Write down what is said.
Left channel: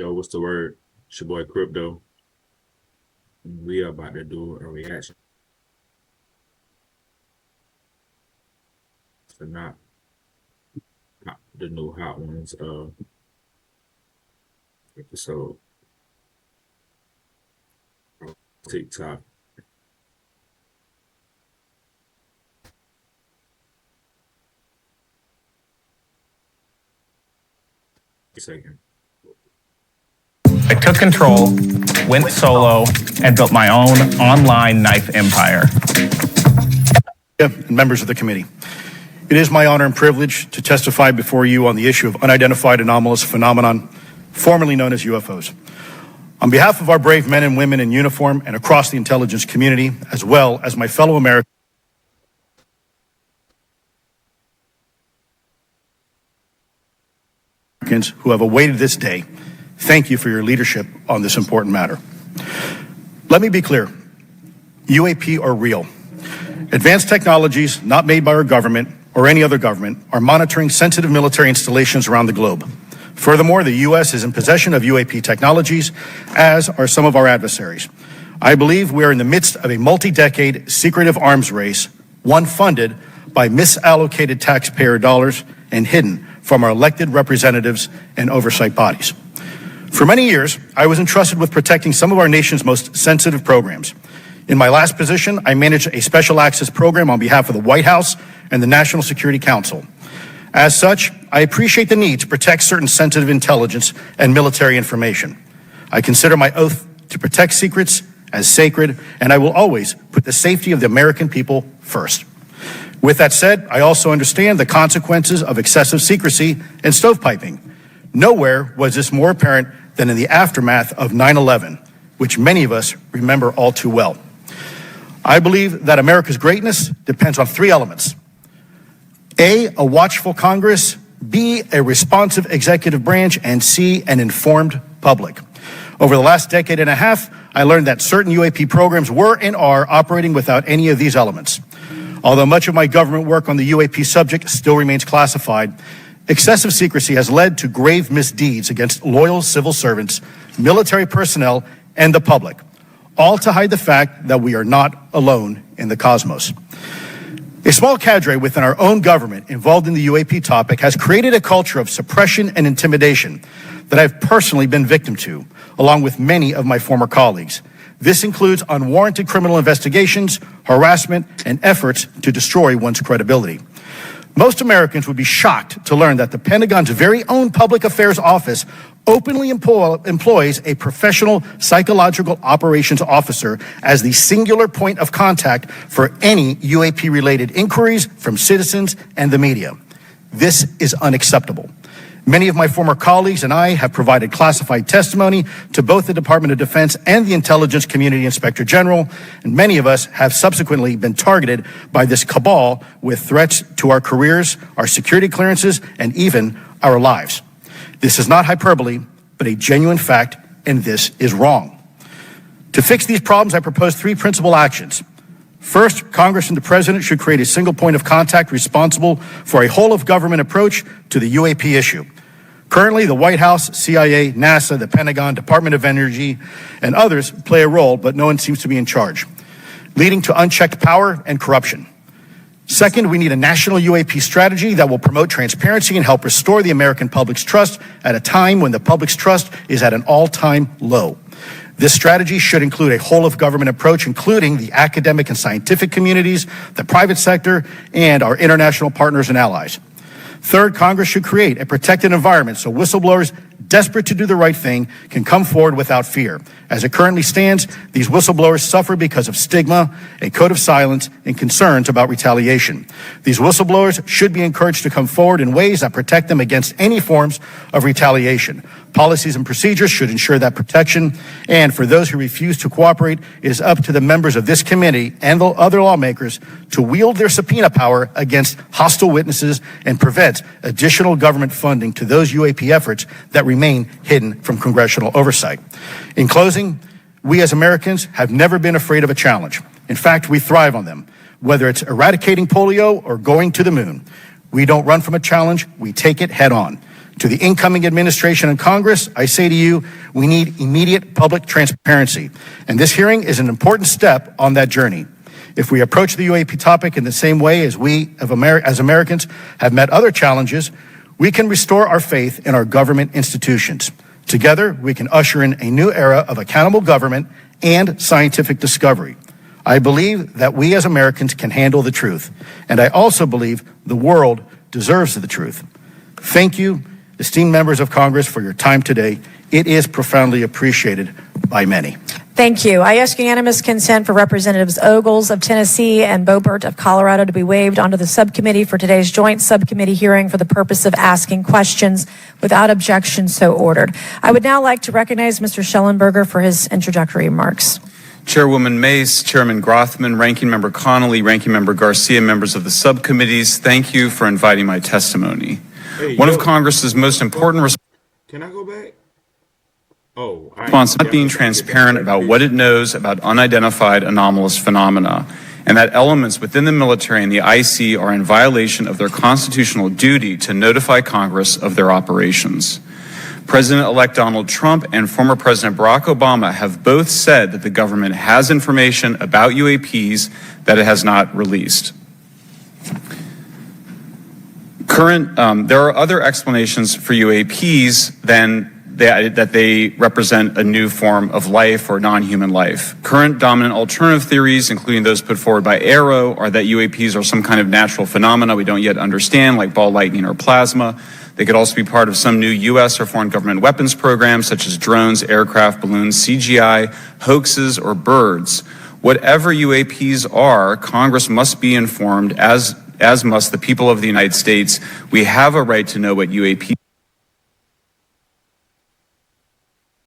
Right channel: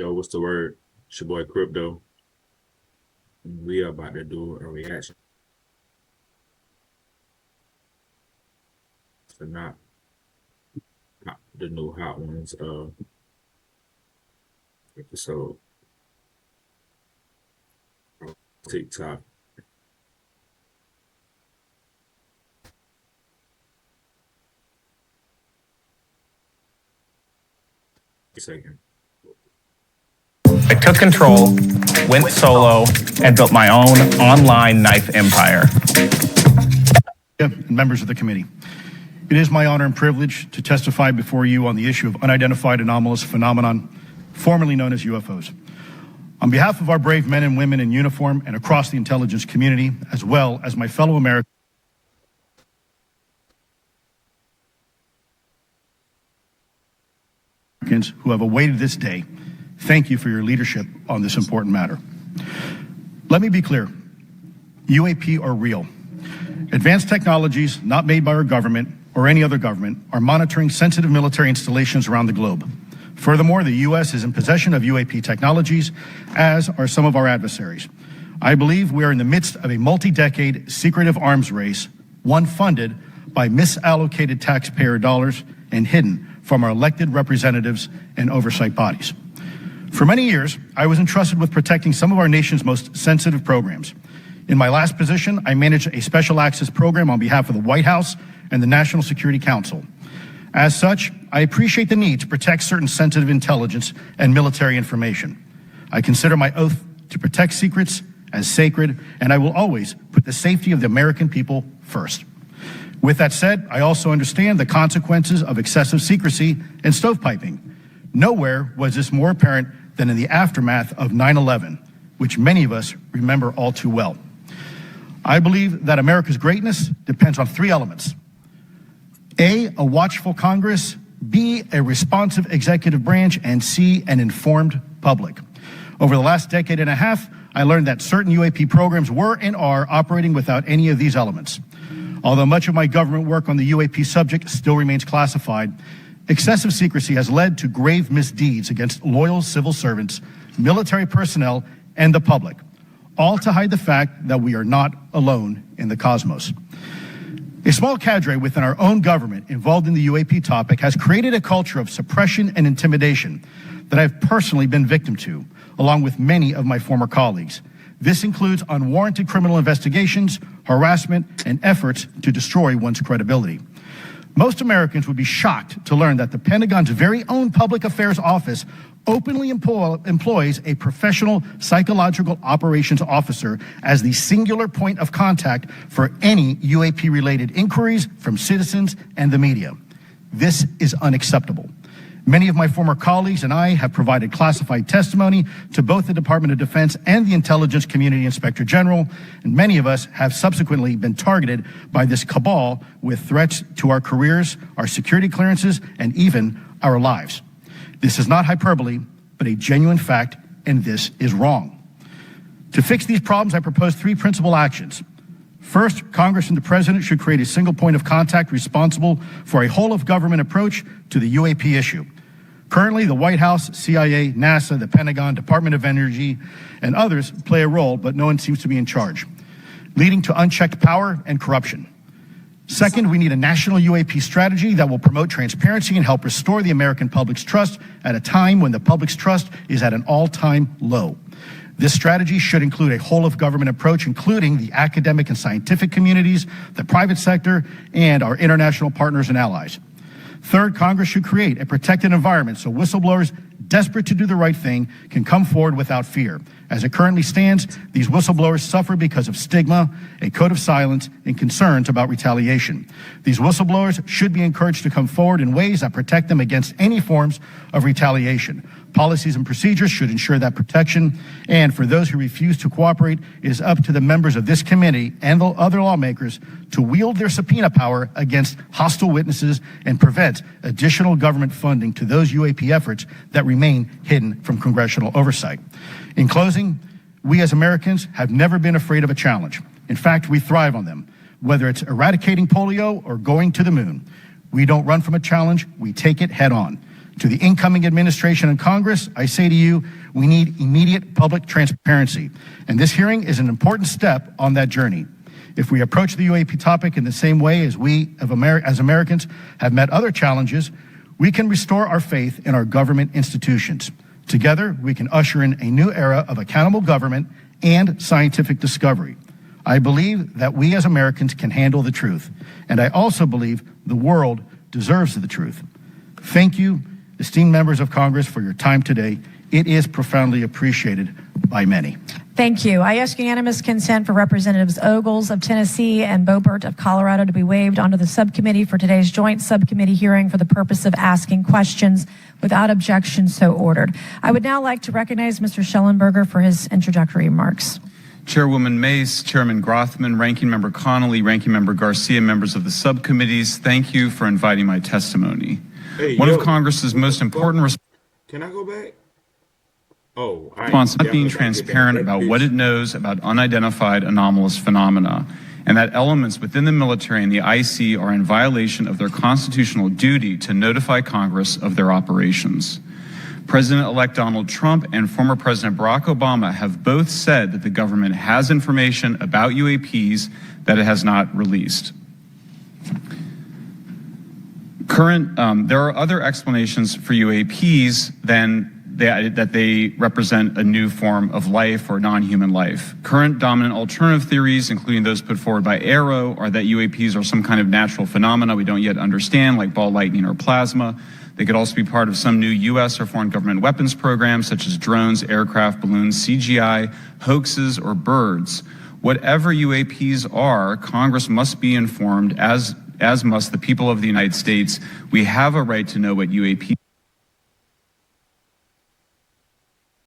Yo, what's the word? It's your boy Crypto. And we are about to do a reaction to not the new Hot Ones episode on TikTok. Second. I took control, went solo, and built my own online knife empire. Members of the committee, it is my honor and privilege to testify before you on the issue of unidentified anomalous phenomenon, formerly known as UFOs. On behalf of our brave men and women in uniform and across the intelligence community, as well as my fellow Americans who have awaited this day, thank you for your leadership on this important matter. Let me be clear, UAP are real. Advanced technologies not made by our government or any other government are monitoring sensitive military installations around the globe. Furthermore, the U.S. is in possession of UAP technologies, as are some of our adversaries. I believe we are in the midst of a multi-decade secretive arms race, one funded by misallocated taxpayer dollars and hidden from our elected representatives and oversight bodies. For many years, I was entrusted with protecting some of our nation's most sensitive programs. In my last position, I managed a special access program on behalf of the White House and the National Security Council. As such, I appreciate the need to protect certain sensitive intelligence and military information. I consider my oath to protect secrets as sacred, and I will always put the safety of the American people first. With that said, I also understand the consequences of excessive secrecy and stovepiping. Nowhere was this more apparent than in the aftermath of 9/11, which many of us remember all too well. I believe that America's greatness depends on three elements. A watchful Congress, B, a responsive executive branch, and C, an informed public. Over the last decade and a half, I learned that certain UAP programs were and are operating without any of these elements. Although much of my government work on the UAP subject still remains classified, excessive secrecy has led to grave misdeeds against loyal civil servants, military personnel, and the public, all to hide the fact that we are not alone in the cosmos. A small cadre within our own government involved in the UAP topic has created a culture of suppression and intimidation that I've personally been victim to, along with many of my former colleagues. This includes unwarranted criminal investigations, harassment, and efforts to destroy one's credibility. Most Americans would be shocked to learn that the Pentagon's very own Public Affairs Office openly employs a professional psychological operations officer as the singular point of contact for any UAP-related inquiries from citizens and the media. This is unacceptable. Many of my former colleagues and I have provided classified testimony to both the Department of Defense and the Intelligence Community Inspector General, and many of us have subsequently been targeted by this cabal with threats to our careers, our security clearances, and even our lives. This is not hyperbole, but a genuine fact, and this is wrong. To fix these problems, I propose three principal actions. First, Congress and the President should create a single point of contact responsible for a whole-of-government approach to the UAP issue. Currently, the White House, CIA, NASA, the Pentagon, Department of Energy, and others play a role, but no one seems to be in charge, leading to unchecked power and corruption. Second, we need a national UAP strategy that will promote transparency and help restore the American public's trust at a time when the public's trust is at an all-time low. This strategy should include a whole-of-government approach, including the academic and scientific communities, the private sector, and our international partners and allies. Third, Congress should create a protected environment so whistleblowers desperate to do the right thing can come forward without fear. As it currently stands, these whistleblowers suffer because of stigma, a code of silence, and concerns about retaliation. These whistleblowers should be encouraged to come forward in ways that protect them against any forms of retaliation. Policies and procedures should ensure that protection, and for those who refuse to cooperate, it is up to the members of this committee and the other lawmakers to wield their subpoena power against hostile witnesses and prevent additional government funding to those UAP efforts that remain hidden from congressional oversight. In closing, we as Americans have never been afraid of a challenge. In fact, we thrive on them, whether it's eradicating polio or going to the moon. We don't run from a challenge, we take it head on. To the incoming administration and Congress, I say to you, we need immediate public transparency, and this hearing is an important step on that journey. If we approach the UAP topic in the same way as we, as Americans, have met other challenges, we can restore our faith in our government institutions. Together, we can usher in a new era of accountable government and scientific discovery. I believe that we as Americans can handle the truth, and I also believe the world deserves the truth. Thank you, esteemed members of Congress, for your time today. It is profoundly appreciated by many. Thank you. I ask unanimous consent for Representatives Ogles of Tennessee and Boebert of Colorado to be waived onto the subcommittee for today's joint subcommittee hearing for the purpose of asking questions. Without objection, so ordered. I would now like to recognize Mr. Schellenberger for his introductory remarks. Chairwoman Mace, Chairman Grothman, Ranking Member Connolly, Ranking Member Garcia, members of the subcommittees, thank you for inviting my testimony. Hey, One of Congress's most important Can I go back? Oh, responsibilities being transparent about what it knows about unidentified anomalous phenomena, and that elements within the military and the IC are in violation of their constitutional duty to notify Congress of their operations. President-elect Donald Trump and former President Barack Obama have both said that the government has information about UAPs that it has not released. There are other explanations for UAPs than that they represent a new form of life or non-human life. Current dominant alternative theories, including those put forward by Arrow, are that UAPs are some kind of natural phenomena we don't yet understand, like ball lightning or plasma. They could also be part of some new U.S. or foreign government weapons programs, such as drones, aircraft, balloons, CGI, hoaxes, or birds. Whatever UAPs are, Congress must be informed, as must the people of the United States. We have a right to know what UAPs